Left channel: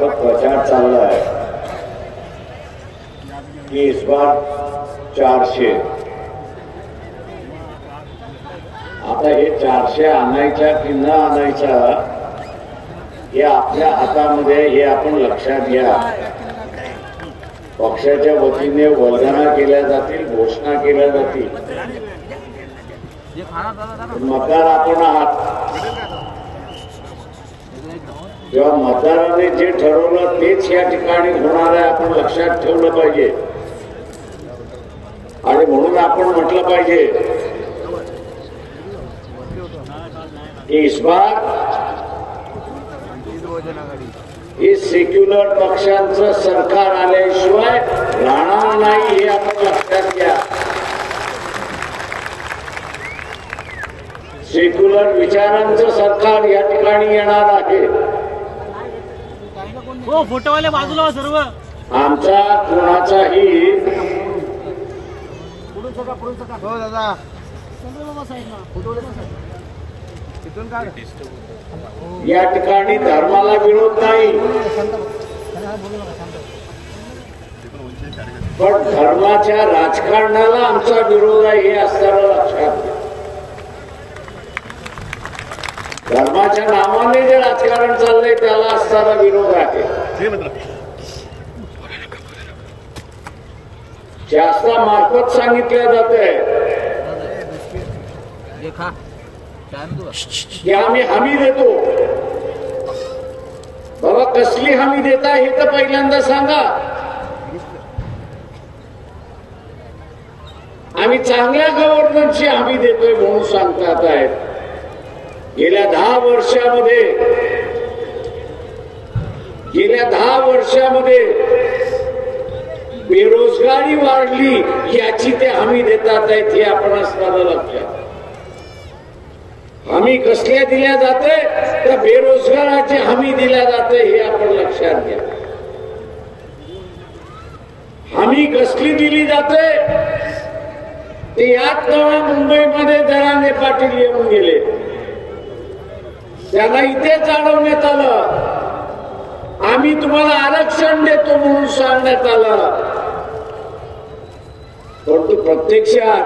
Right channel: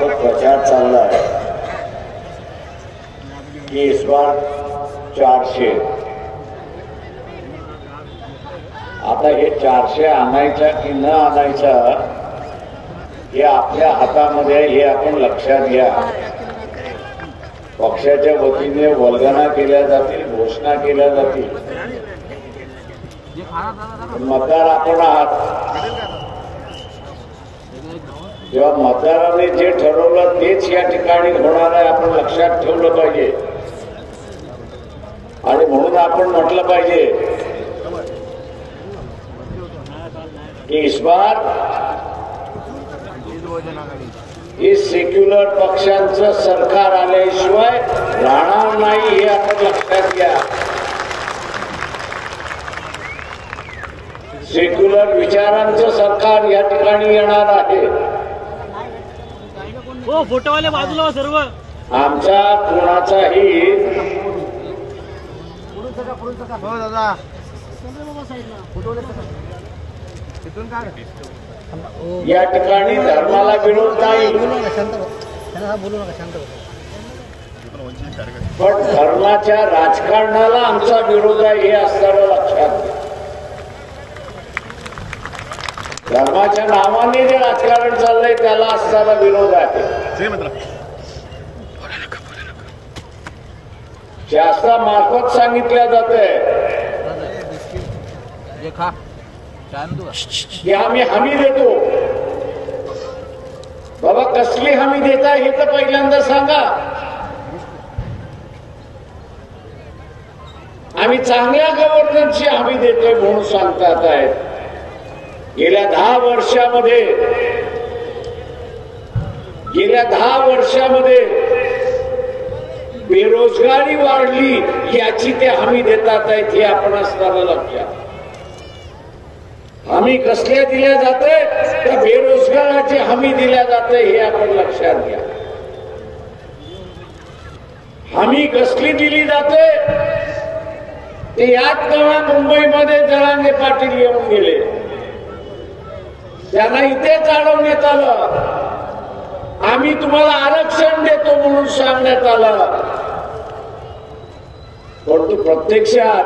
मार्फत प्रचार चाललाय की इस बार 400. आता हे 400 आणायच्या की न आणायच्या हे आपल्या हातामध्ये, हे आपण लक्षात घ्या. पक्षाच्या वतीने वल्गना केल्या जातील, घोषणा केल्या जातील. मतदार आपण आहात. जेव्हा मतदाराने जे ठरवलं तेच या ठिकाणी होणार आहे, आपण लक्षात ठेवलं पाहिजे. आणि म्हणून आपण म्हटलं पाहिजे की इस बार हे सेक्युलर पक्षांचं सरकार आल्याशिवाय राहणार नाही, हे आपण लक्षात घ्या. सेक्युलर विचारांचं सरकार या ठिकाणी येणार आहे. फोटोवाले बाजूला सर्व. आमचा कोणाचाही हो दादा या ठिकाणी धर्माला विरोध नाही, पण धर्माच्या राजकारणाला आमचा विरोध आहे, हे असताना लक्षात घ्या. धर्माच्या नावाने जे राजकारण चाललंय त्याला असताना विरोध आहे. शासनामार्फत सांगितलं जातंय की आम्ही हमी देतो. बाबा कसली हमी देता हे तर पहिल्यांदा सांगा. आम्ही चांगल्या गव्हर्नन्सची हमी देतोय म्हणून सांगतात आहेत. गेल्या 10 वर्षामध्ये बेरोजगारी वाढली याची ते हमी देतात आहेत, हे आपण असताना लक्षात. हमी कसल्या दिल्या जाते तर बेरोजगाराची हमी दिल्या जाते, हे आपण लक्षात घ्या. हमी कसली दिली जाते ते याच नवा मुंबईमध्ये जरांगे पाटील येऊन गेले. त्यांना इथे जाणवण्यात आलं आम्ही तुम्हाला आरक्षण देतो म्हणून सांगण्यात आलं, परंतु प्रत्यक्षात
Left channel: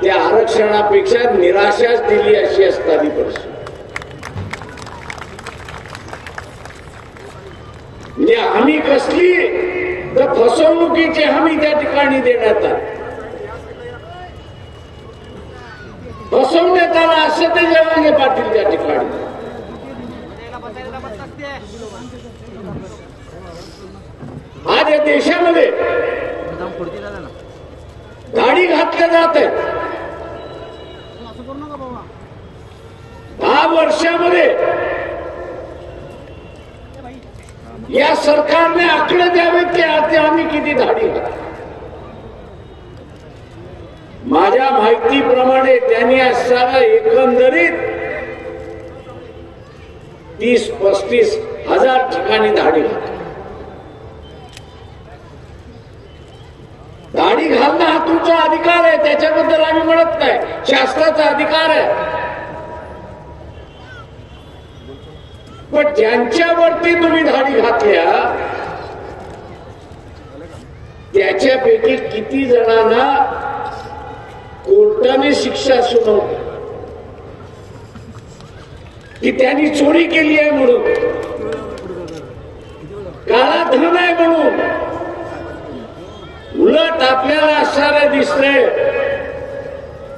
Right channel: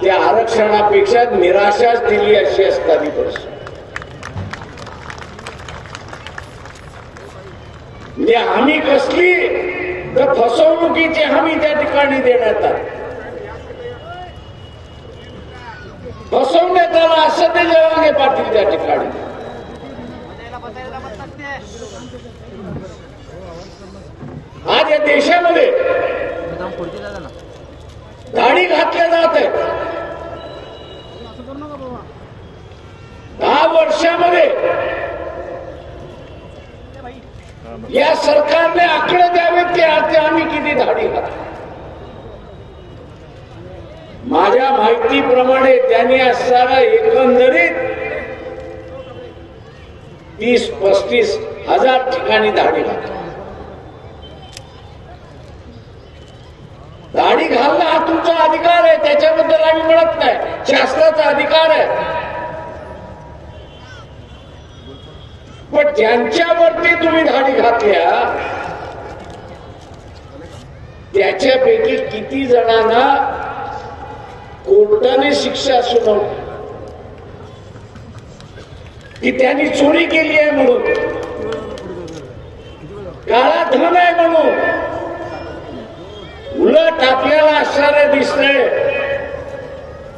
त्या आरक्षणापेक्षा निराशाच दिली अशी असणारी परिस्थिती. म्हणजे हमी कसली तर फसवणुकीची हमी त्या ठिकाणी देण्यात आली, फसवण्यात आला असं ते जरांगे पाटील त्या ठिकाणी. आज या देशामध्ये दाढी घातल्या जात आहेत. 10 वर्षामध्ये या सरकारने आकडे द्यावेत की आम्ही किती दाढी घातली. माझ्या माहितीप्रमाणे त्यांनी असताना एकंदरीत 30-35 हजार ठिकाणी दाढी घातली. दाढी घालणं हा तुमचा अधिकार आहे, त्याच्याबद्दल आम्ही म्हणत नाही, शासनाचा अधिकार आहे. पण ज्यांच्यावरती तुम्ही दाढी घातल्या त्याच्यापैकी किती जणांना कोर्टाने शिक्षा सुनावली की त्यांनी चोरी केली आहे म्हणून, काळा धन आहे म्हणून. उलट आपल्याला असणारं दिसतंय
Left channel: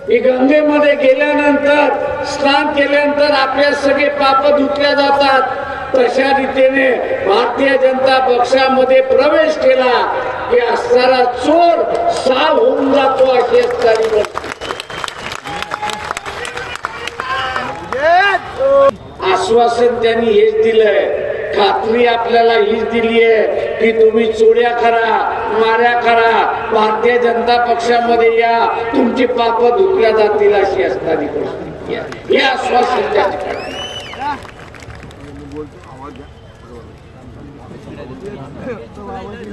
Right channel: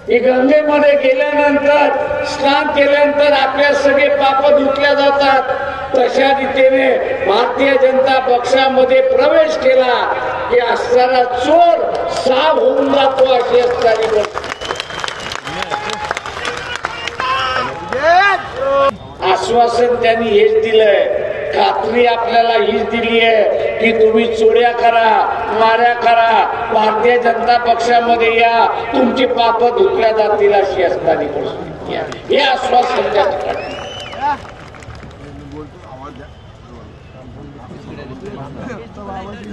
की गंगेमध्ये गेल्यानंतर, स्नान केल्यानंतर आपल्या सगळे पाप धुतल्या जातात. तशा रीतीने भारतीय जनता पक्षामध्ये प्रवेश केला की असणारा चोर साफ होऊन जातो अशी असणारी. आश्वासन त्यांनी हेच दिलंय, खात्री आपल्याला हीच दिली आहे की तुम्ही चोऱ्या करा, माऱ्या करा, भारतीय जनता पक्षामध्ये या, तुमची पाप धुतल्या जातील अशी असणारी परिस्थिती आहे. हे आश्वासन त्या ठिकाणी.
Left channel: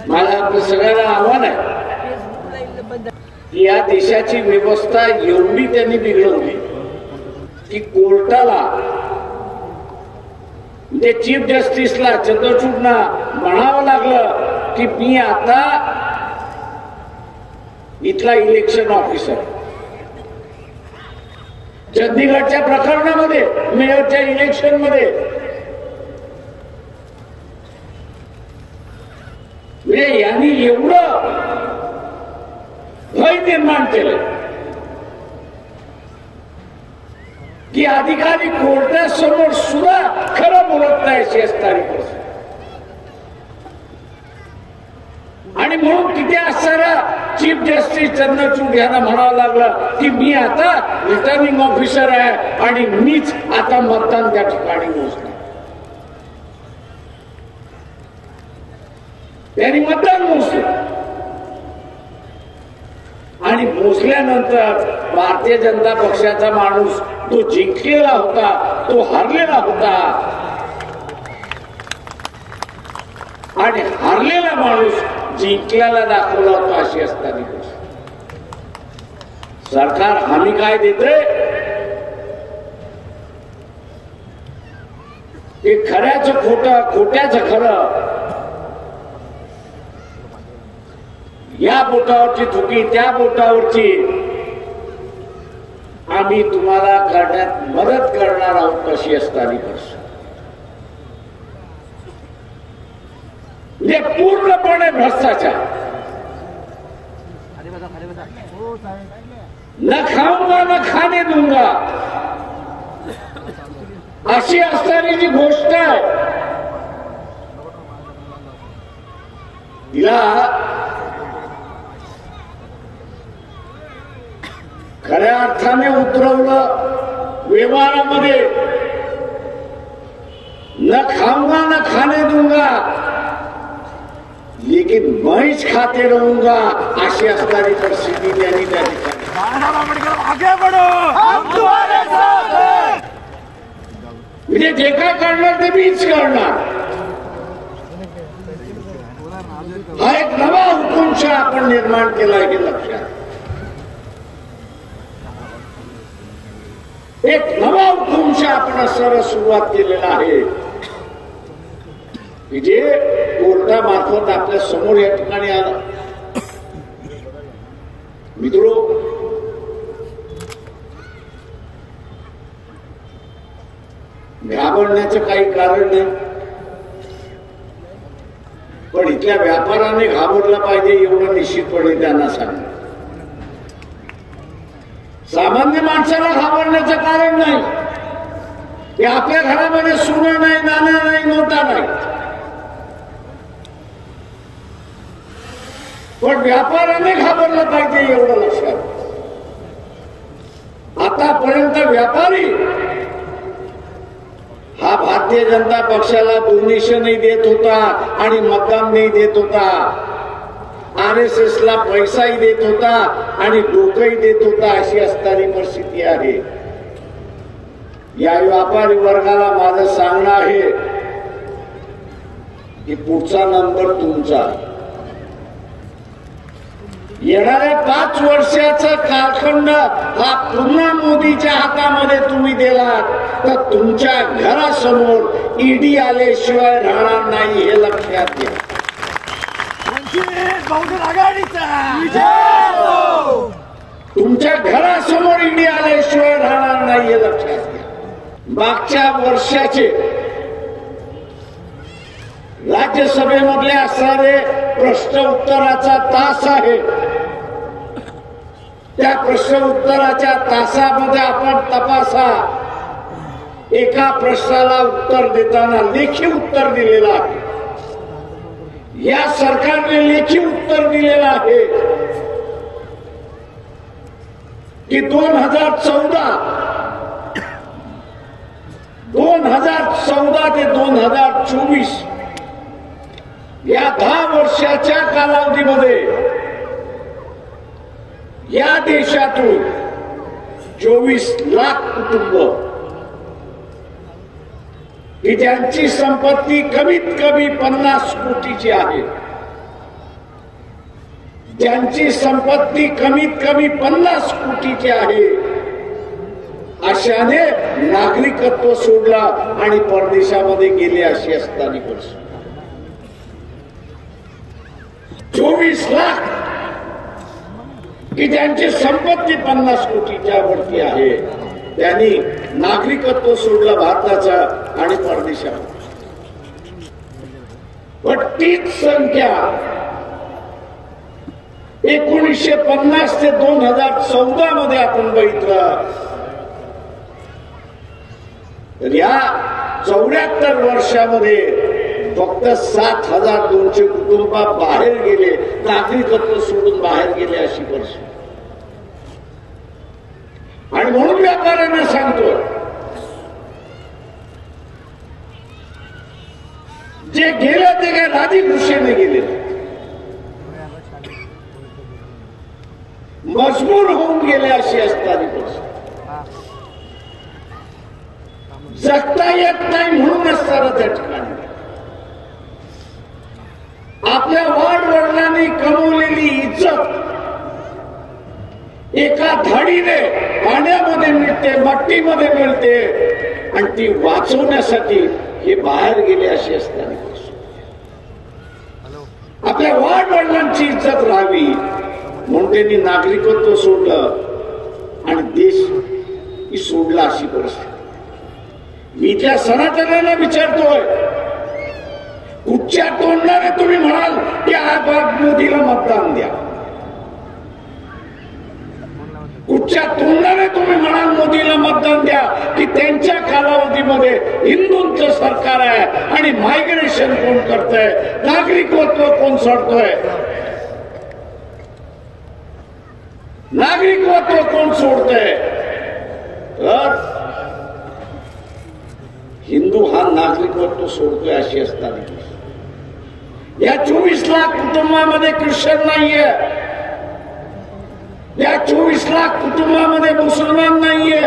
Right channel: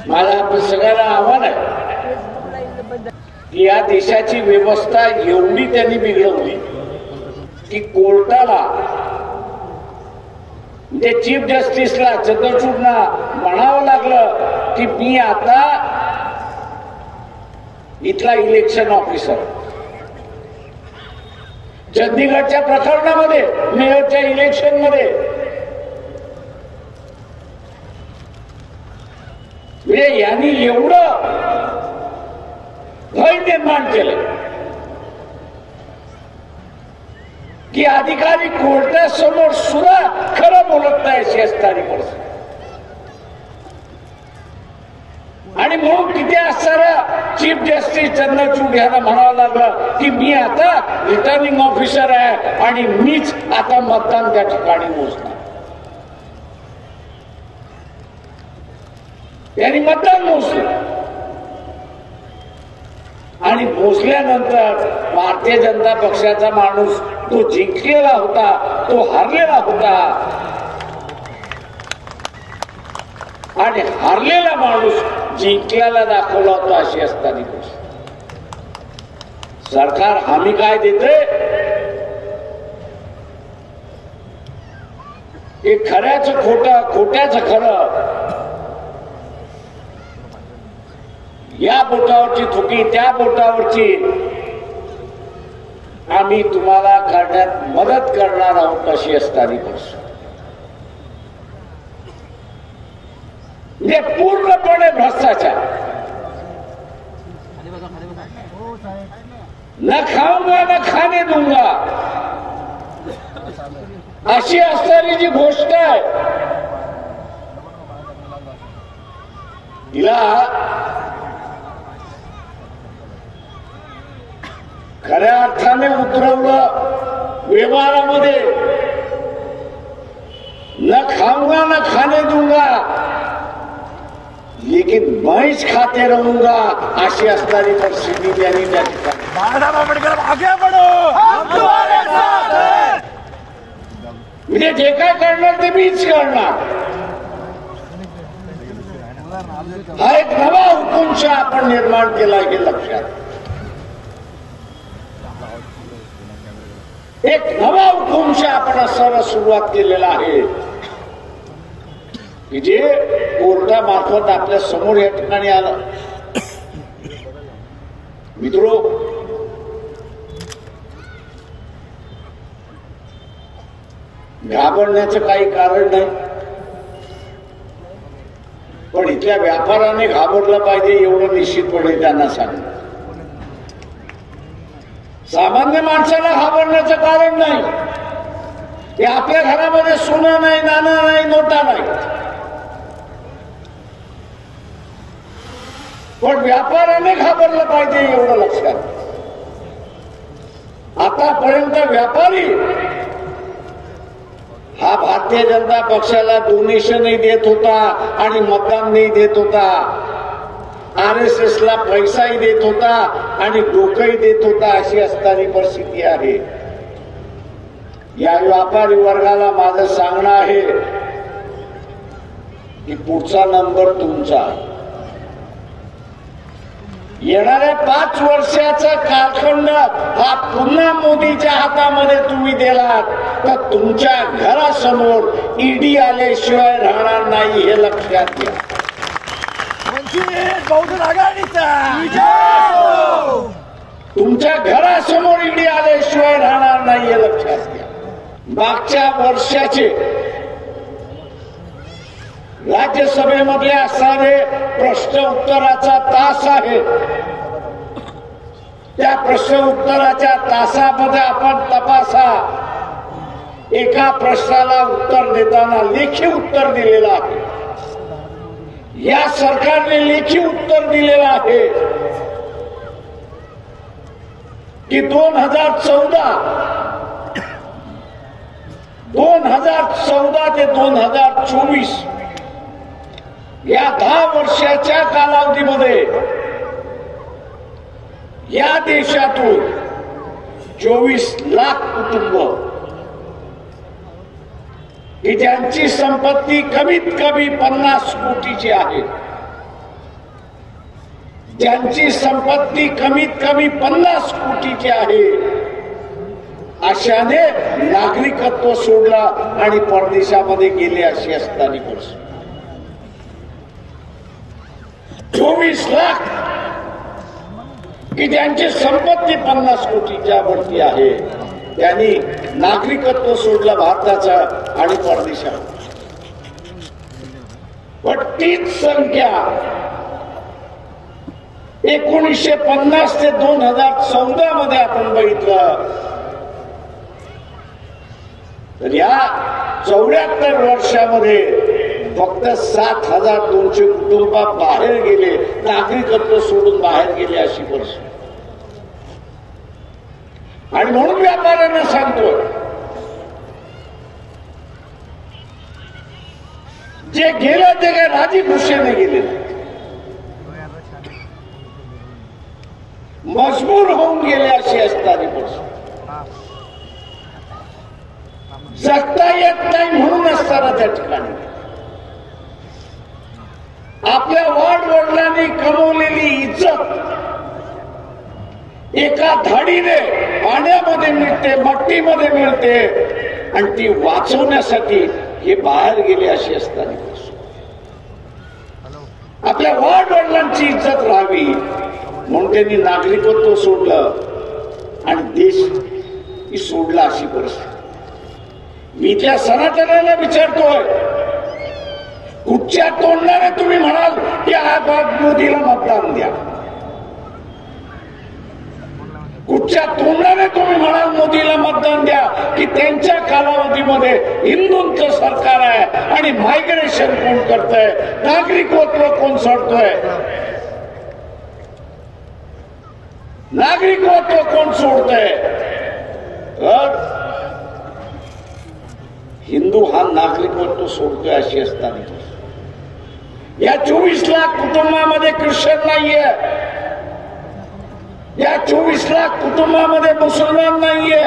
मला आपल्या सगळ्याला आव्हान आहे की या देशाची व्यवस्था एवढी त्यांनी बिघडवली की कोर्टाला ते चीफ जस्टिसला चंद्रचूडना म्हणावं लागलं की मी आता इथला इलेक्शन ऑफिसर. चंदीगडच्या प्रकरणामध्ये मेयरच्या इलेक्शन मध्ये यांनी एवढं भय निर्माण केलं की अधिकारी कोर्टासमोर सुद्धा खरं बोलत नाही अशी असणारी परिस्थिती. आणि म्हणून तिथे असणारा चीफ जस्टिस चंद्रचूड यांना म्हणावं लागलं की मी आता रिटर्निंग ऑफिसर आहे आणि मीच आता मतदान त्या ठिकाणी मोजणार. त्यांनी मतदान मोजलं आणि मोजल्यानंतर भारतीय जनता पक्षाचा माणूस तो जिंकलेला होता, तो हारलेला होता आणि हारलेला माणूस जिंकल्याला दाखवला होता अशी असताना सरकार हमी काय देते की खऱ्याचं खोटं, खोट्याचं खरं, या बोटावरची थुकी त्या बोटावरची आम्ही तुम्हाला करण्यात मदत करणार आहोत अशी असणारी परिस्थिती. म्हणजे पूर्णपणे भ्रष्टाचार. न खाऊंगा न खाने दूंगा अशी असणारी जी गोष्ट आहे तिला खऱ्या अर्थाने उतरवलं व्यवहारामध्ये. न खाऊंगा न खाने दूंगा लेकिन मैच खाते रहूंगा अशी असणारी परिस्थिती त्यांनी त्या ठिकाणी. म्हणजे जे काय करणार ते मीच करणार हा एक नवा हुकुमशाह आपण निर्माण केला हे लक्षात. एक नवा हुकुमशाह आपण सर्व सुरुवात केलेला आहे की जे कोर्टामार्फत आपल्या समोर या ठिकाणी आलं. मित्रो, घाबरण्याचं काही कारण नाही, पण इथल्या व्यापाऱ्याने घाबरलं पाहिजे एवढं निश्चितपणे त्यांना सांगितलं. सामान्य माणसाला घाबरण्याचं कारण नाही. ते आपल्या घरामध्ये सोनं नाही, नाणं नाही, नोटा नाही, पण व्यापाऱ्याने घाबरलं पाहिजे एवढं लक्षात. आतापर्यंत व्यापारी हा भारतीय जनता पक्षाला डोनेशनही देत होता आणि मतदानही देत होता, RSSला पैसाही देत होता आणि डोकंही देत होता अशी असणारी परिस्थिती आहे. या व्यापारी वर्गाला माझं सांगणं आहे की पुढचा नंबर तुमचा. येणाऱ्या 5 वर्षाचा कालखंड हा पुन्हा मोदीच्या हातामध्ये तुम्ही दिलात तर तुमच्या घरासमोर ईडी आल्याशिवाय राहणार नाही हे लक्षात घ्या. बहुजन आघाडीचा तुमच्या घरासमोर ईडी आल्याशिवाय राहणार नाही हे लक्षात घ्या. मागच्या वर्षाचे राज्यसभेमध्ये असणारे प्रश्न उत्तराचा तास आहे. त्या प्रश्न उत्तराच्या तासामध्ये आपण तपासा. एका प्रश्नाला उत्तर देताना लेखी उत्तर दिलेलं आहे. या सरकारने लेखी उत्तर दिलेलं आहे की 2014 ते 2024 या 10 वर्षाच्या कालावधीमध्ये या देशातून 24 लाख कुटुंब की ज्यांची संपत्ती कमीत कमी 50 कोटीची आहे, ज्यांची संपत्ती कमीत कमी 50 कोटीची आहे, आशाने नागरिकत्व सोडला आणि परदेशामध्ये गेले अशी असताना परिस्थिती. 24 लाख की त्यांची संपत्ती 50 कोटीच्या वरती आहे, त्यांनी नागरिकत्व सोडलं भारताचा आणि परदेशात. पण तीच संख्या 1950 ते 2014 मध्ये आपण बघितलं तर या 74 वर्षामध्ये फक्त 7,200 कुटुंब बाहेर गेले, नागरिकत्व सोडून बाहेर गेले अशी परिस्थिती. आणि म्हणून व्यापाऱ्यांना सांगतोय, जे गेले ते काय राजी खुशीने गेले, मजबूर होऊन गेले अशी असताना परिस्थिती. जगता येत नाही म्हणून असताना त्या ठिकाणी आपल्या वाडवडिलांनी कमवलेली इज्जत एका धाडीने पाण्यामध्ये मिळते, मट्टीमध्ये मिळते आणि ती वाचवण्यासाठी हे बाहेर गेले अशी असताना आपल्या वाडवडिलांची इज्जत राहावी म्हणून त्यांनी नागरिकत्व सोडलं आणि देश सोडला अशी परिस्थिती. मी त्या सनातन्यांना विचारतोय, कुठच्या तोंडाने तुम्ही म्हणाल की आज मोदीला मतदान द्या? कुठच्या तोंडाने तुम्ही म्हणाल मोदीला मतदान द्या की त्यांच्या कालावधीमध्ये हिंदूंचं सरकार आहे आणि मायग्रेशन कोण करतंय, नागरिकत्व कोण सोडतोय, नागरिकत्व कोण सोडतंय? तर हिंदू हा नागरिकत्व सोडतोय अशी असताना या 24 लाख कुटुंबामध्ये ख्रिश्चन नाहीये, या 24 लाख कुटुंबामध्ये मुसलमान नाहीये,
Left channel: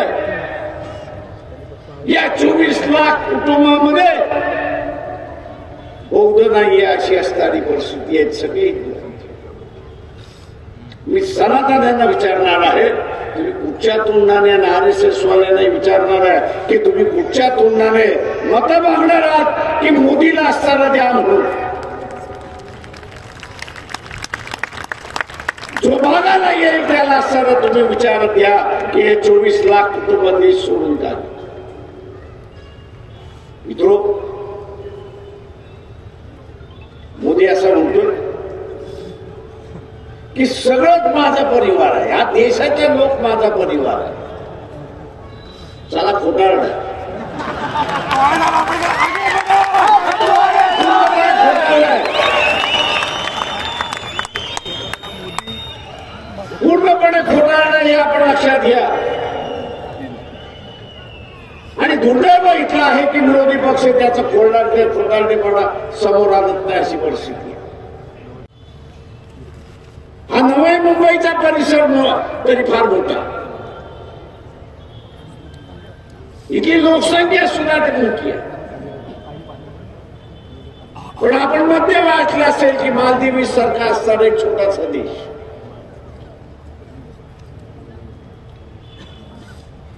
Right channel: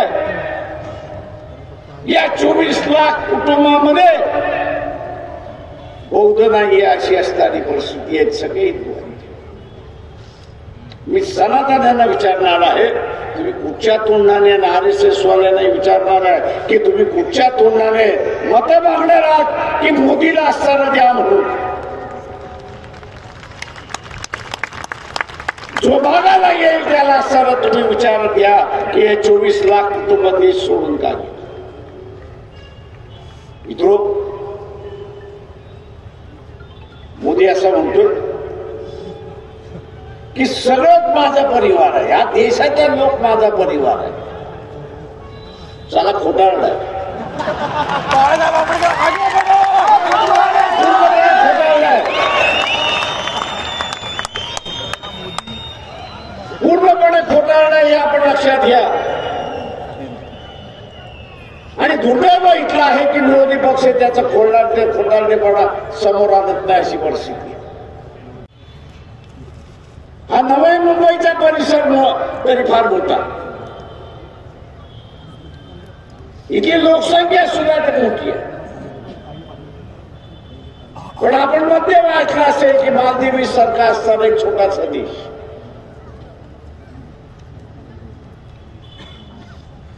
या 24 लाख कुटुंबामध्ये बौद्ध नाहीये अशी असणारी परिस्थिती आहे. सगळे हिंदू. मी सनातन्यांना विचारणार आहे, तुम्ही कुठच्या तोंडाने RSS वाल्यांना विचारणार आहे की तुम्ही कुठच्या तोंडाने मत मागणार आहात की मोदीला असणारं द्या म्हणून? जो भागाला येईल त्याला असणारं तुम्ही विचार द्या की हे 24 लाख कुटुंब देश सोडून टाकले. मित्रो, मोदी असं म्हणतो की सगळंच माझा परिवार आहे, या देशाचा लोक माझा परिवार आहे. चला खोटारडा, पूर्णपणे खोटारडा हे आपण लक्षात घ्या. आणि दुर्दैव इथं आहे की विरोधी पक्ष त्याचा खोटारडेपणा समोर आणत नाही अशी परिस्थिती. हा नवी मुंबईचा परिसर तरी फार मोठा, इथली लोकसंख्या सुद्धा तर मोठी आहे. पण आपण मध्ये वाचलं असेल की मालदीव सारखा असणारा एक छोटासा देश,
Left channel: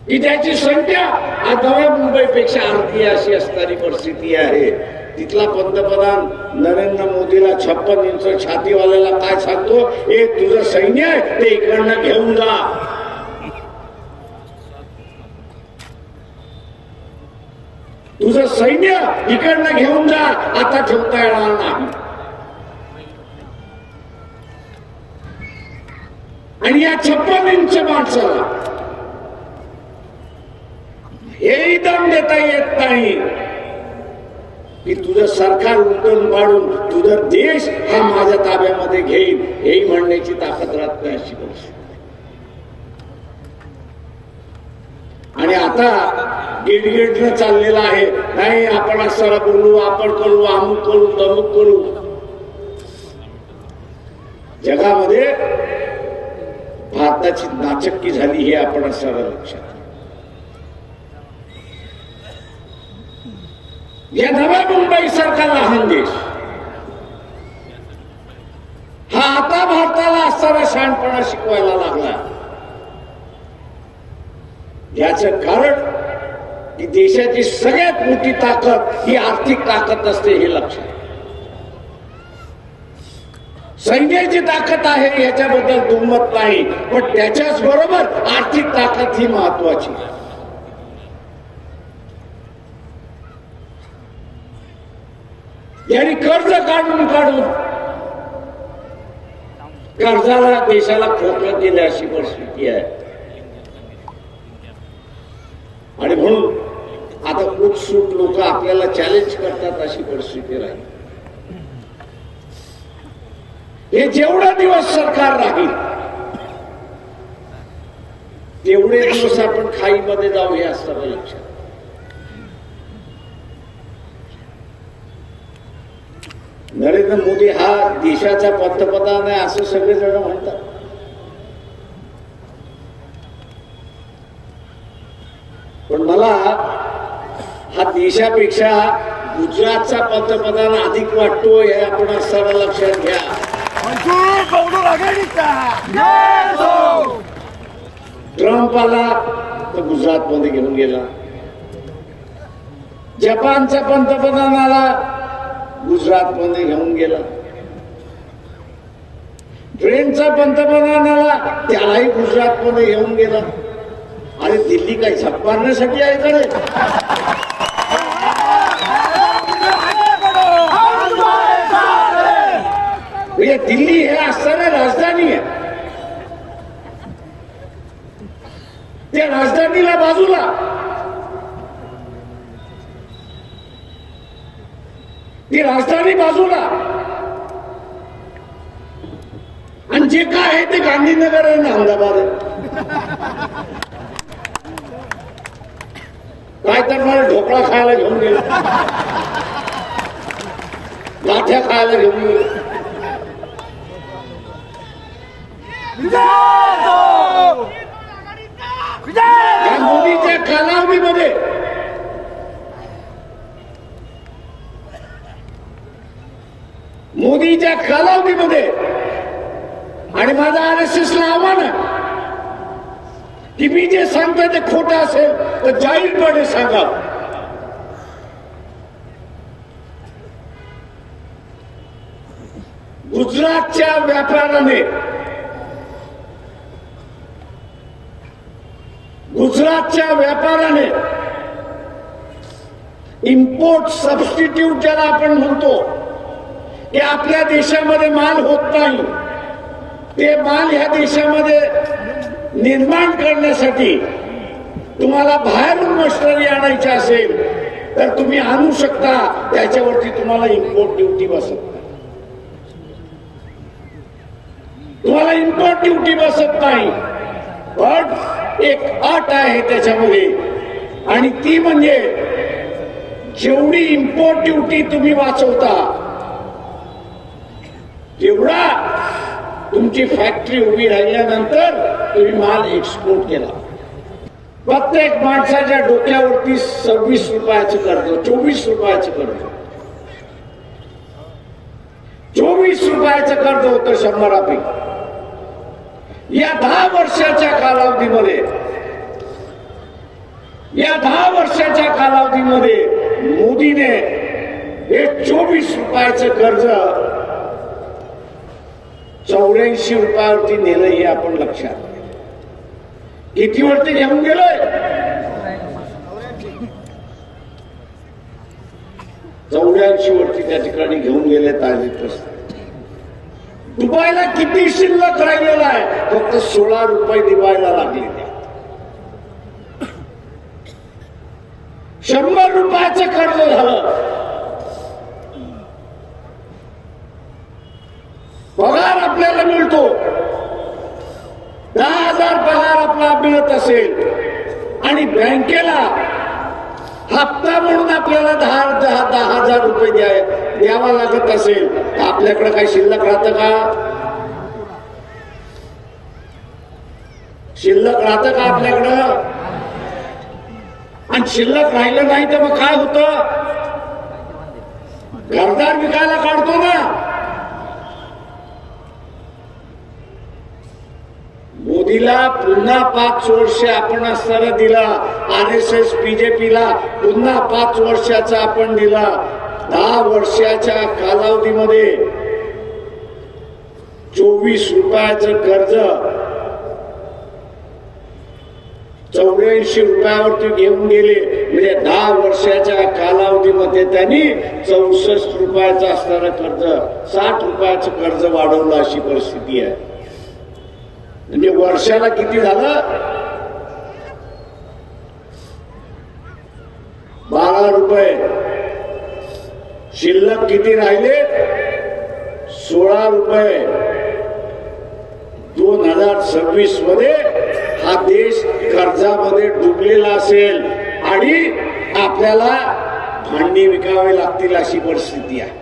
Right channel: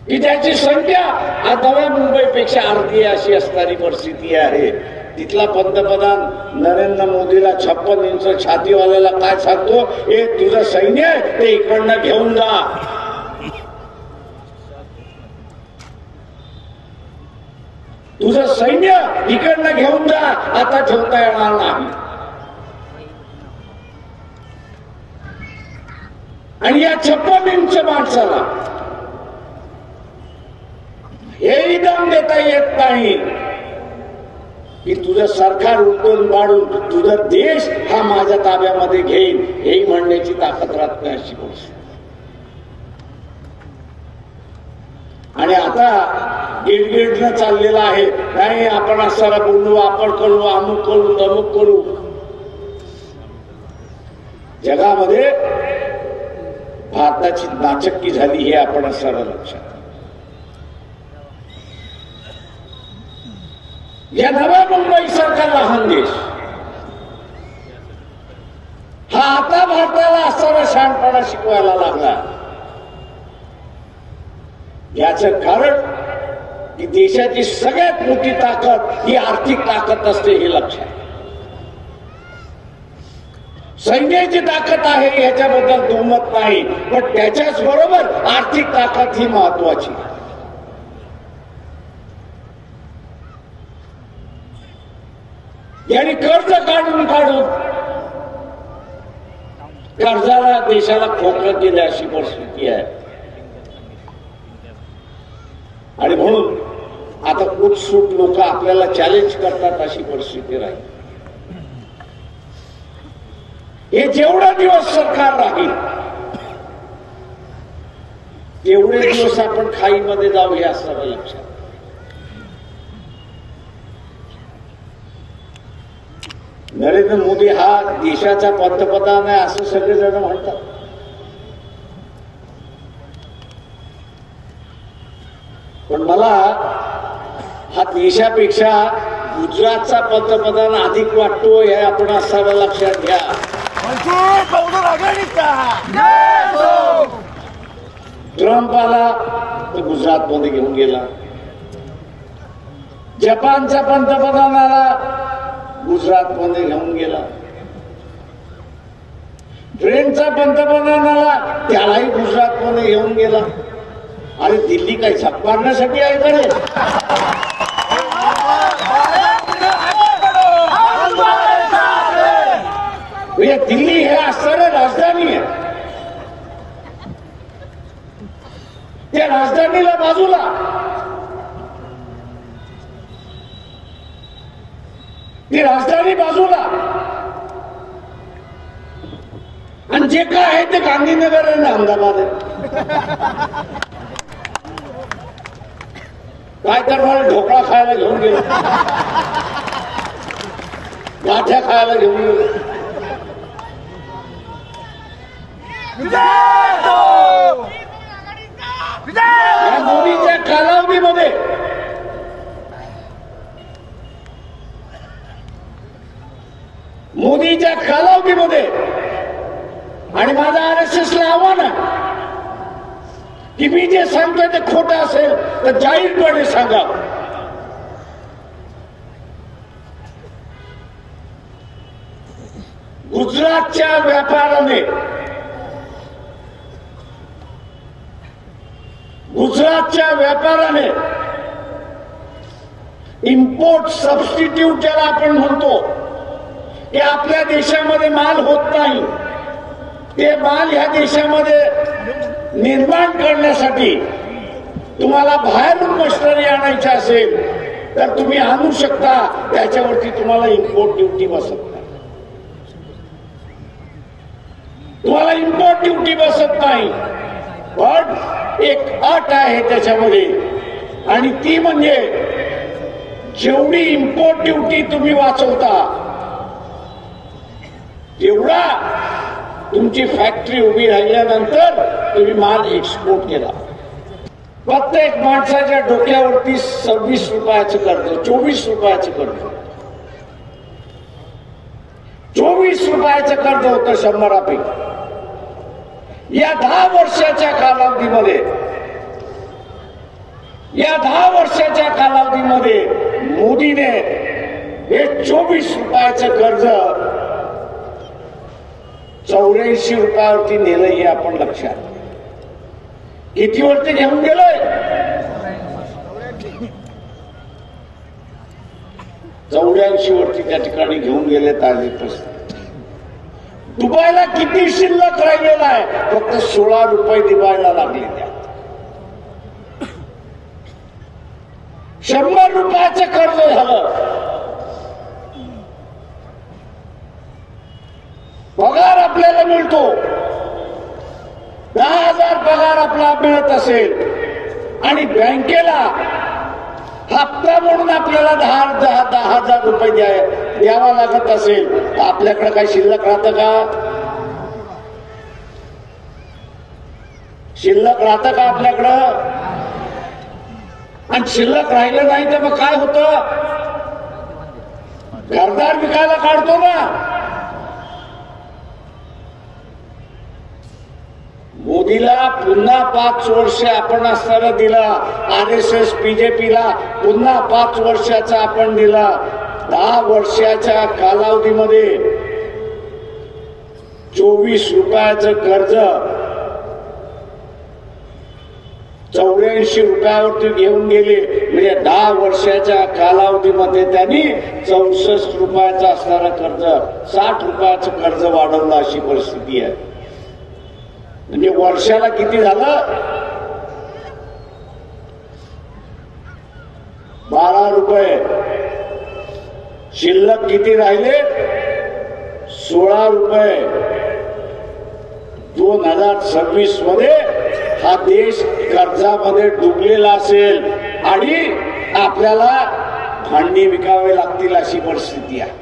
की त्याची संख्या आज नव्या मुंबईपेक्षा अर्धी अशी असणारी परिस्थिती आहे. तिथला पंतप्रधान नरेंद्र मोदीला 56 इंच छातीवाल्याला काय सांगतो, हे तुझं सैन्य आहे ते इकडनं घेऊन जा. तुझं सैन्य इकडनं घेऊन जा, आता ठेवता येणार नाही. आणि या 56 इंच माणसाला हेही दम देता येत नाही की तुझं सरकार उलटून पाडून तुझा देश हा माझ्या ताब्यामध्ये घेईल, हेही म्हणण्याची ताकद राहत नाही अशी परिस्थिती. आणि आता गिडगिडनं चाललेला आहे, नाही आपण असं बोलू, आपण करू, अमुक करू, तमुक करू. जगामध्ये भारताची नाचक्की झाली हे आपण असं लक्षात. या नव्या मुंबई सारखा लहान देश हा आता भारताला असणारा शहाणपणा शिकवायला लागला. याचं कारण की देशाची सगळ्यात मोठी ताकद ही आर्थिक ताकद असते हे लक्षात. सैन्याची ताकद आहे याच्याबद्दल दुमत नाही, पण त्याच्याच बरोबर आर्थिक ताकद ही महत्वाची. यांनी कर्ज काढून कर्जाला देशाला खोकलं केलं अशी परिस्थिती आहे. आणि म्हणून आता उत्सुक लोक आपल्याला चॅलेंज करतात अशी परिस्थिती राहील. हे जेवढा दिवस सरकार राहील तेवढे दिवस आपण खाईमध्ये जाऊ हे असं लक्षात. नरेंद्र मोदी हा देशाचा पंतप्रधान आहे असं सगळेजण म्हणतात. पण मला हा देशापेक्षा गुजरातचा पंतप्रधान अधिक वाटतो हे आपण असताना लक्षात घ्या. ट्रम्प आला तर गुजरात मध्ये घेऊन गेला. जपानचा पंतप्रधान आला गुजरात मध्ये घेऊन गेला. फ्रेंचचा पंतप्रधान आला त्यालाही गुजरात मध्ये घेऊन गेला. अरे दिल्ली काय झक मारण्यासाठी आहे कडे. दिल्ली हे असणारी राजधानी आहे. त्या राजधानीला बाजूला ती राजधानी बाजूला आणि जे काय आहे ते गांधीनगर आहे ना अहमदाबाद आहे. काय तर मला ढोकळा खायला घेऊन गेलो, गाठ्या खायला घेऊन गेलो. या मोदीच्या कालावधीमध्ये आणि माझं RSSला आव्हान आहे की मी जे सांगतोय ते खोटं असेल तर जाहीरपणे सांगा. गुजरातच्या व्यापाराने इम्पोर्ट सबस्टिट्यूट ज्याला आपण म्हणतो की आपल्या देशामध्ये माल होत नाही ते माल ह्या देशामध्ये निर्माण करण्यासाठी तुम्हाला बाहेरून मशिनरी आणायची असेल तर तुम्ही आणू शकता. त्याच्यावरती तुम्हाला इम्पोर्ट ड्युटी बसत नाही. तुम्हाला इम्पोर्ट ड्युटी बसत नाही. पण एक अट आहे त्याच्यामध्ये आणि ती म्हणजे जेवढी इम्पोर्ट ड्युटी तुम्ही वाचवता तेवढा तुमची फॅक्टरी उभी राहिल्यानंतर तुम्ही माल एक्सपोर्ट केला. प्रत्येक माणसाच्या डोक्यावरती 26 रुपयाचं कर्ज, 24 रुपयाचं कर्ज, 24 रुपयाचं कर्ज होतं 100पैकी. या 10 वर्षाच्या कालावधीमध्ये मोदीने हे 24 रुपयाचं कर्ज 84 रुपयावरती नेलं हे आपण लक्षात. कितीवरती घेऊन गेलोय? 84 वरती त्या ठिकाणी घेऊन गेले. दुबईला किती शिल्लक राहिलेला आहे? फक्त 16 रुपये दिवायला लागले. 100 रुपयाचं कर्ज झालं. पगार आपल्याला मिळतो, 10,000 पगार आपला मिळत असेल आणि बँकेला हप्ता म्हणून आपल्याला 10,000 रुपये द्यावा लागत असेल तर आपल्याकडे काही शिल्लक राहतं का? शिल्लक राहतं का आपल्याकडं? आणि शिल्लक राहिलं नाही तर मग काय होतं? घरदार विकायला काढतो ना. मोदी मोदीला पुन्हा 5 वर्ष आपण असताना दिला, RSS बीजेपीला पुन्हा 5 वर्षाचा आपण दिला. 10 वर्षाच्या कालावधीमध्ये 24 रुपयाचं कर्ज 84 रुपयावरती घेऊन गेले. म्हणजे 10 वर्षाच्या कालावधीमध्ये त्यांनी 64 रुपयाचं असणारं कर्ज 60 रुपयाचं कर्ज वाढवलं, अशी परिस्थिती आहे. म्हणजे वर्षाला किती झालं? 12 रुपये. शिल्लक किती राहिले? 16 रुपये. 2026 मध्ये हा देश कर्जामध्ये डुबलेला असेल आणि आपल्याला भांडी विकावे लागतील, अशी परिस्थिती आहे.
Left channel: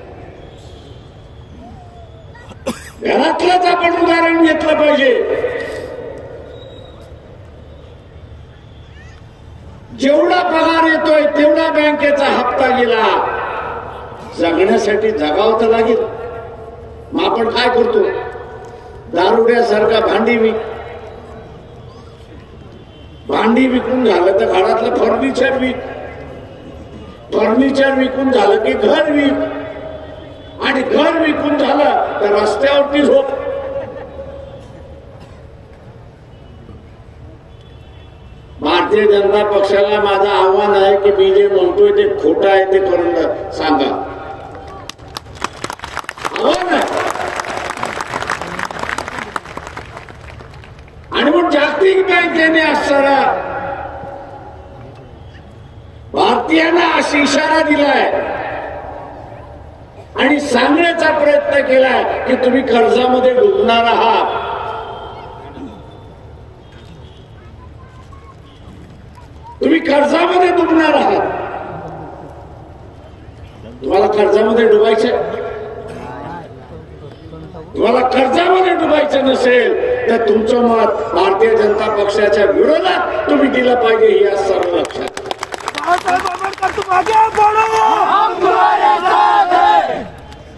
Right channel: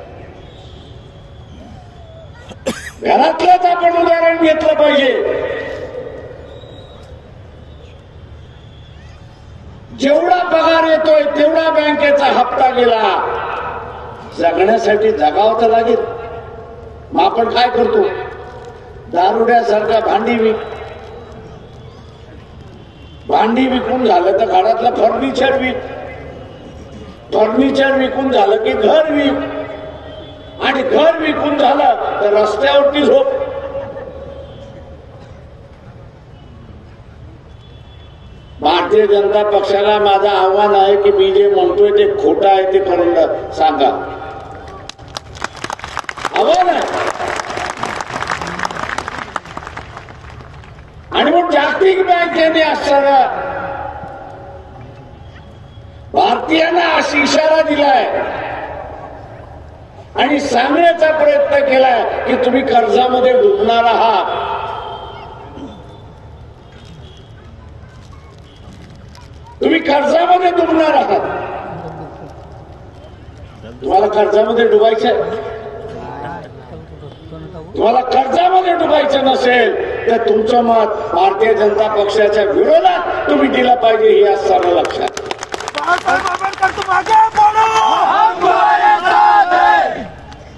घरातलंच आपण उदाहरण घेतलं पाहिजे. जेवढा पगार येतोय तेवढा बँकेचा हप्ता गेला. जगण्यासाठी जगावं तर लागेल. मग आपण काय करतो? दारुड्यासारखा भांडी विकून झालं तर घरातलं फर्निचर विकून झालं की घर विक, आणि घर विकून झालं तर रस्त्यावरती झोप. भारतीय जनता पक्षाला माझं आव्हान आहे की मी जे म्हणतोय ते खोटं आहे ते करून सांगा. आव्हान आहे. आणि मग जागतिक बँकेने असणारा भारतीयांना असा इशारा दिलाय आणि सांगण्याचा प्रयत्न केलाय की तुम्ही कर्जामध्ये डुबणार आहात. तुम्ही कर्जामध्ये डुबणार आहात. तुम्हाला कर्जामध्ये डुबायचं, तुम्हाला कर्जामध्ये डुबायचं नसेल तर तुमचं मत भारतीय जनता पक्षाच्या विरोधात तुम्ही दिलं पाहिजे, हे असताना लक्षात.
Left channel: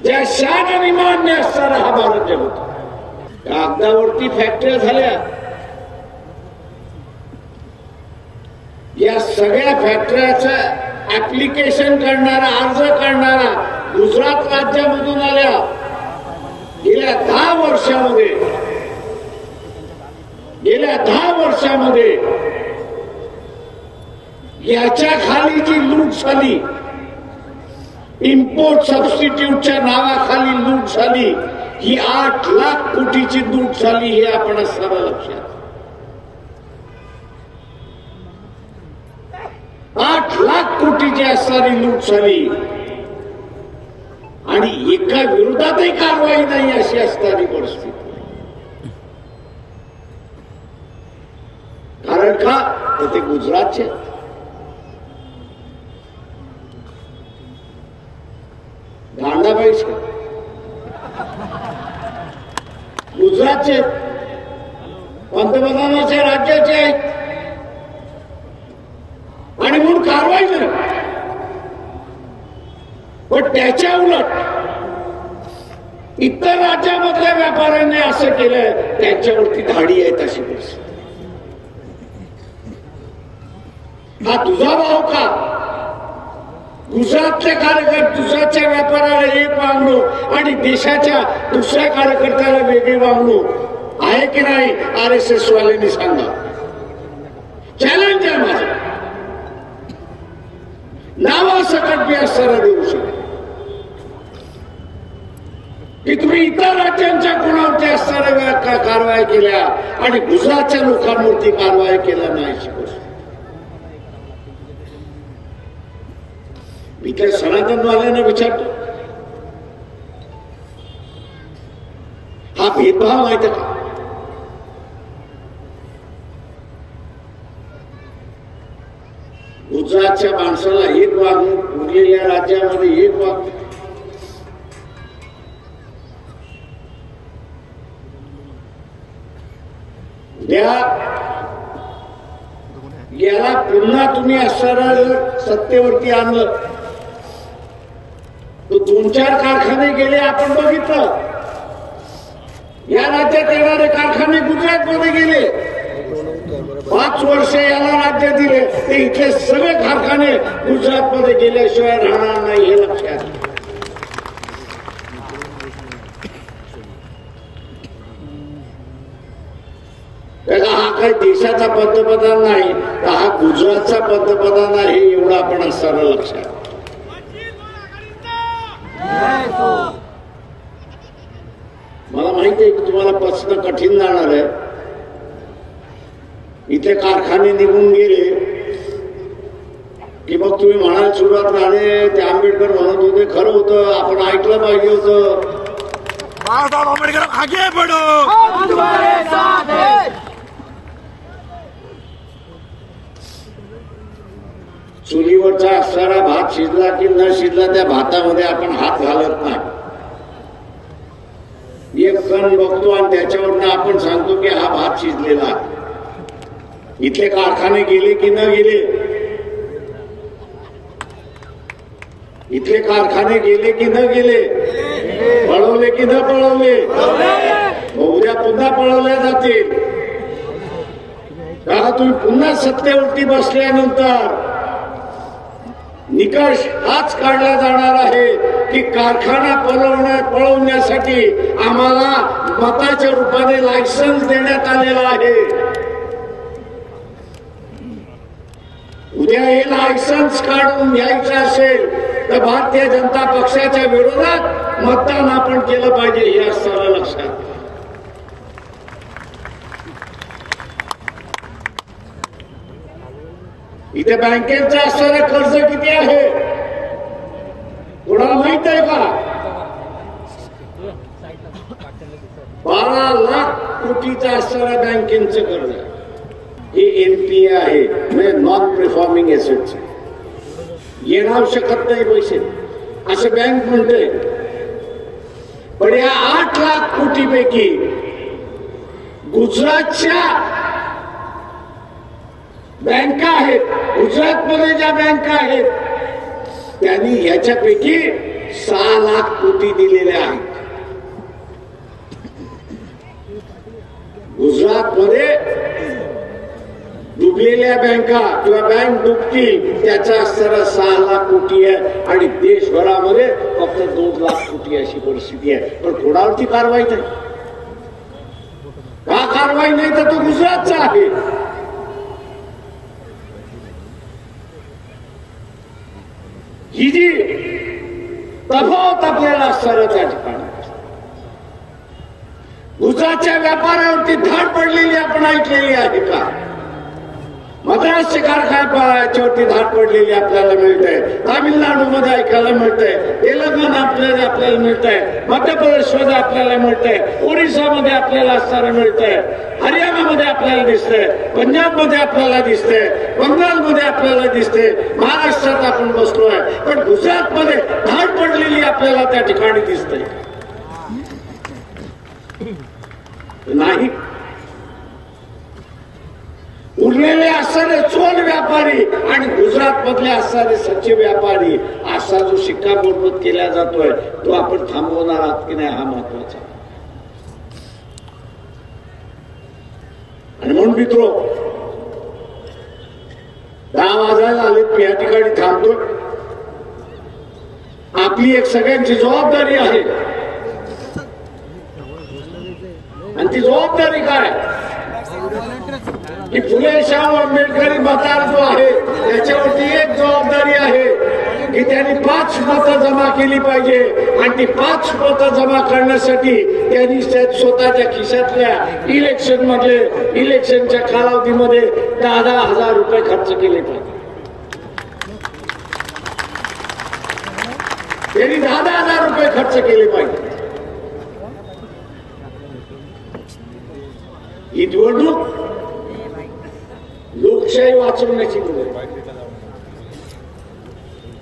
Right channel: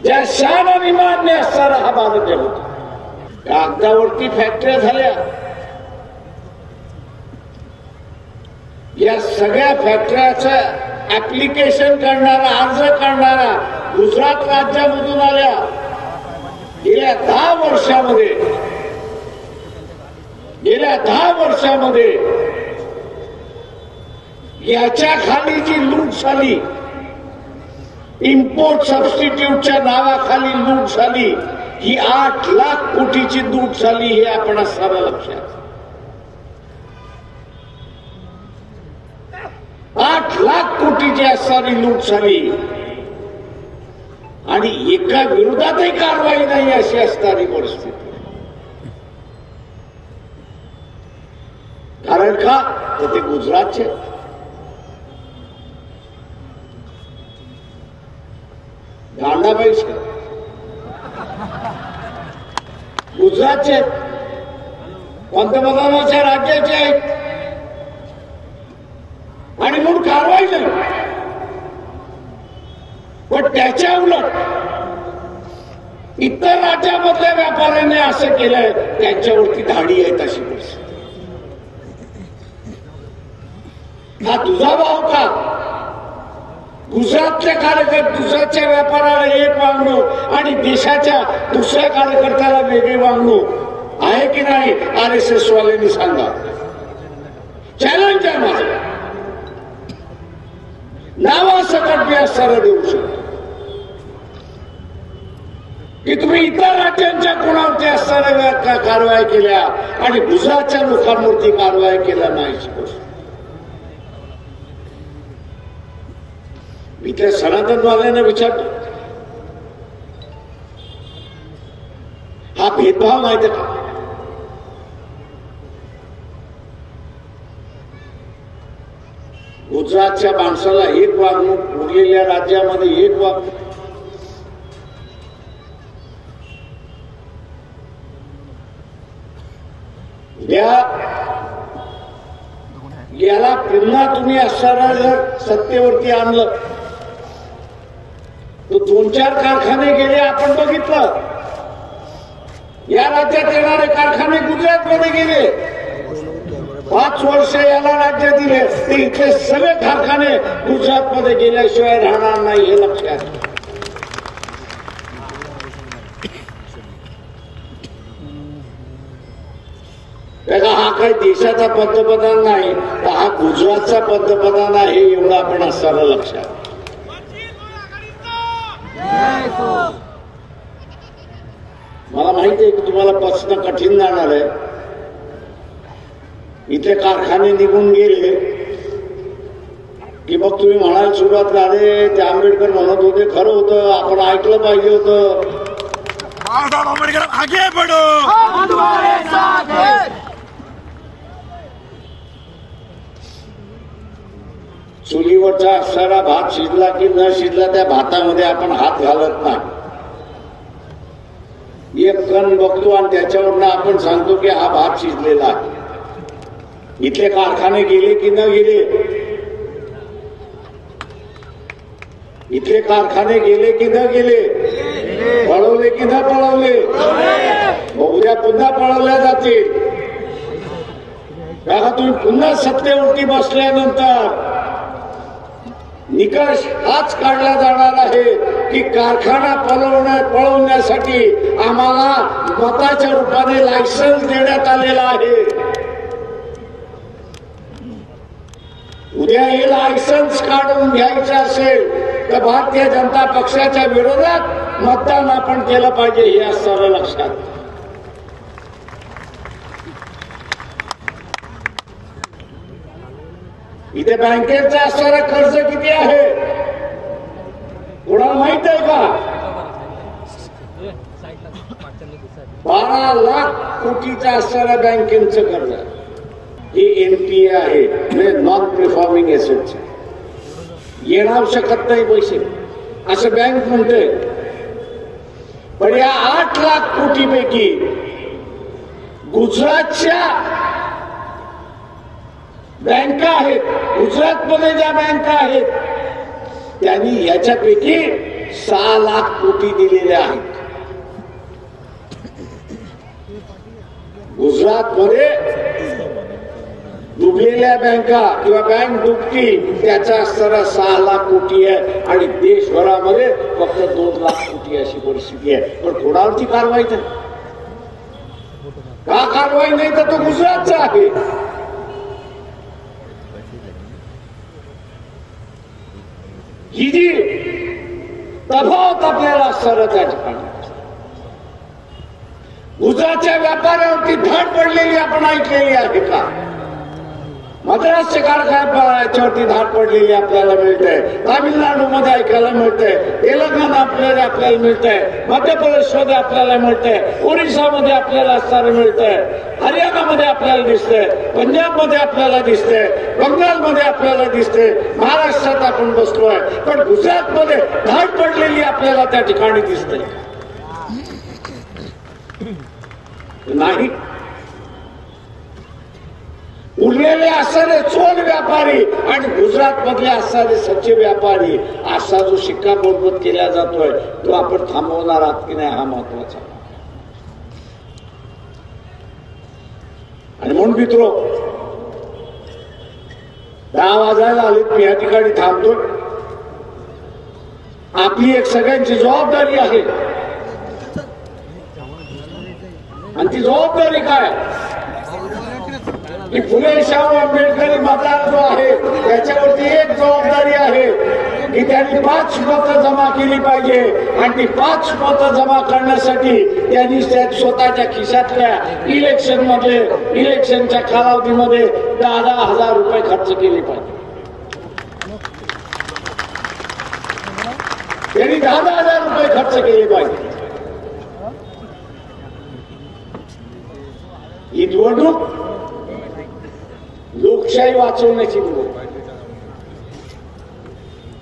ज्या शान आणि मान्य असताना हा भारत देश होता. कागदावरती फॅक्टऱ्या झाल्या. या सगळ्या फॅक्टऱ्याचं ऍप्लिकेशन करणारा, अर्ज करणारा गुजरात राज्यामधून आल्या. गेल्या 10 वर्षामध्ये याच्या खाली जी लूट झाली, इम्पोर्ट सबस्टिट्यूटच्या नावाखाली लूट झाली, ही 8 लाख कोटीची लूट झाली, हे आपण असताना लक्षात. 8 लाख कोटीची असणारी लूट झाली आणि एका विरोधातही कारवाई नाही, अशी असणारी परिस्थिती. कारण का? तर ते गुजरातचे गांडाबाई गुजरातचे पंतप्रधानाच्या राज्याचे आहेत आणि म्हणून कारवाई नाही. पण त्याच्या उलट इतर राज्यामधल्या व्यापाऱ्यांनी असं केलंय, त्यांच्यावरती धाडी आहे, तशी परिस्थिती. हा तुझा भाव का? गुजरातच्या गुजरातच्या व्यापाऱ्याला एक वागणूक आणि देशाच्या दुसऱ्या कार्यकर्त्याला वेगळी वागणूक आहे की नाही? RSS वाल्यांनी सांगा. चॅलेंज आहे माझं. नावासकट मी असणारा देऊ शकतो की तुम्ही इतर राज्यांच्या कोणावरती असणाऱ्या कारवाया केल्या आणि गुजरातच्या लोकांवरती कारवाया केल्या नाही. मी त्या सनातनवाल्यांना विचारतो, हा भेदभाव नाही तर का? गुजरातच्या माणसाला एक वागणूक, उरलेल्या राज्यामध्ये एक वागणूक. याला पुन्हा तुम्ही असणारा जर सत्तेवरती आणलं तर 2-4 कारखाने गेले, आपण बघितलं. या राज्यात येणारे कारखाने गुजरातमध्ये गेले. 5 वर्ष याला राज्य दिले ते इथले सगळे कारखाने गुजरातमध्ये गेल्याशिवाय राहणार नाही हे लक्षात. त्याला हा काही देशाचा पंतप्रधान नाही तर हा गुजरातचा पंतप्रधान आहे एवढं आपण असणारं लक्षात. मला माहिती आहे की तुम्हाला पचणं कठीण जाणार आहे. इथे कारखाने निघून गेले की मग तुम्ही म्हणाल सुरुवात राहिले ते आंबेडकर म्हणत होते खरं होतं आपण ऐकलं पाहिजे होतं. बाळासाहेब आंबेडकर आगे बढ़ो, हम तुम्हारे साथ हैं. चुलीवरचा असणारा भात शिजला की न शिजला त्या भातामध्ये आपण हात घालत नाही. एक कण बघतो आणि त्याच्यावरनं आपण सांगतो की हा भात शिजलेला आहे. इथले कारखाने गेले की न गेले, इथले कारखाने गेले की न गेले, पळवले की न पळवले, उद्या पुन्हा पळवल्या जातील. का तुम्ही पुन्हा सत्तेवरती बसल्यानंतर निकष हाच काढला जाणार आहे की कारखाना पळवण्यासाठी आम्हाला मताच्या रूपाने लायसन्स देण्यात आलेला आहे. उद्या हे लायसन्स काढून घ्यायचं असेल तर भारतीय जनता पक्षाच्या विरोधात मतदान आपण केलं पाहिजे हे असणारं लक्षात. इथे बँकेचं असणारं कर्ज किती आहे कोणाला माहित आहे का? 12 लाख कोटीचं असणाऱ्या बँकेचं कर्ज हे एनपीए आहे म्हणजे नॉन परफॉर्मिंग एसेट्स. येणार शकत नाही पैसे असं बँक म्हणतोय. पण या 8 लाख कोटीपैकी गुजरातच्या बँका आहेत, गुजरातमध्ये ज्या बँका आहेत त्यांनी याच्यापैकी 6 लाख कोटी दिलेले आहेत. गुजरातमध्ये डुबलेल्या बँका किंवा बँक डुबतील त्याचा असणारा 6 लाख कोटी आहे आणि देशभरामध्ये फक्त 2 लाख कोटी अशी परिस्थिती आहे. पण कोणावरती कारवाई नाही. का कारवाई नाही तर तो गुजरातचा आहे. ही जी तफावत आपल्याला असणारं त्या ठिकाणी गुजरातच्या व्यापाऱ्यावरती धाड पडलेली आपण ऐकलेली आहे का? मद्रासच्या कारखान्यावरती धाड पडलेली आपल्याला मिळते. तामिळनाडूमध्ये ऐकायला मिळते, तेलंगणा आपल्याला मिळतंय, मध्य प्रदेशमध्ये आपल्याला मिळतंय, ओरिसामध्ये आपल्याला असणारं मिळतंय, हरियाणामध्ये आपल्याला दिसतंय, पंजाबमध्ये आपल्याला दिसतंय, बंगालमध्ये आपल्याला दिसतंय, महाराष्ट्रात आपण बसलोय. पण गुजरातमध्ये धाड पडलेली आपल्याला त्या ठिकाणी दिसते नाही. उरलेले असणारे चोल व्यापारी आणि गुजरात मधले असणारे सच्चे व्यापारी असा जो शिक्कामोर्तब केला जातोय तो आपण थांबवणार आहात की नाही हा महत्वाचा. आणि म्हणून मित्रो 10 वाजायला आले मी या ठिकाणी थांबतो. आपली एक सगळ्यांची जबाबदारी आहे आणि ती जबाबदारी काय की फुले शाहू आंबेडकरी मतदार जो आहे त्याच्यावरती एक जबाबदारी आहे की त्यांनी 5 मतं जमा केली पाहिजे आणि ती 5 मतं जमा करण्यासाठी त्यांनी स्वतःच्या खिशातल्या इलेक्शनच्या कालावधीमध्ये 10,000 रुपये खर्च केले पाहिजे. त्यांनी 10,000 रुपये खर्च केले पाहिजे. ही निवडणूक लोकशाही वाचवण्याची निवडणूक,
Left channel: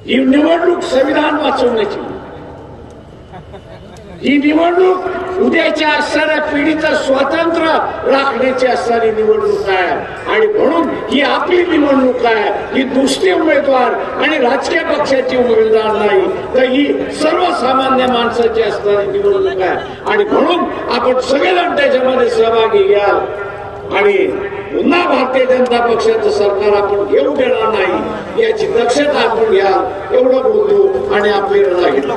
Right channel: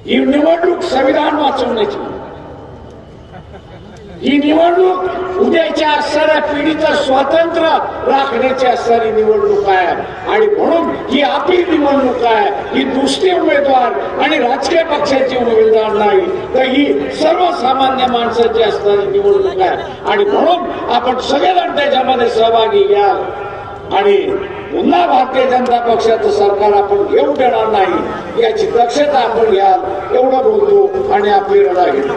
ही निवडणूक संविधान वाचवण्याची. ही निवडणूक उद्याच्या असणाऱ्या पिढीचं स्वातंत्र्य राखण्याची असणारी निवडणूक आहे आणि म्हणून ही आपली निवडणूक आहे. ही दुसरे उमेदवार आणि राजकीय पक्षाची उमेदवार नाही, तर ही सर्वसामान्य माणसाची असणारी निवडणूक आहे आणि म्हणून आपण सगळेजण त्याच्यामध्ये सहभागी घ्याल आणि पुन्हा भारतीय जनता पक्षाचं सरकार आपण घेऊ देणार नाही याची दक्षता आपण घ्याल एवढं बोलतो आणि आपली रजा घेतो.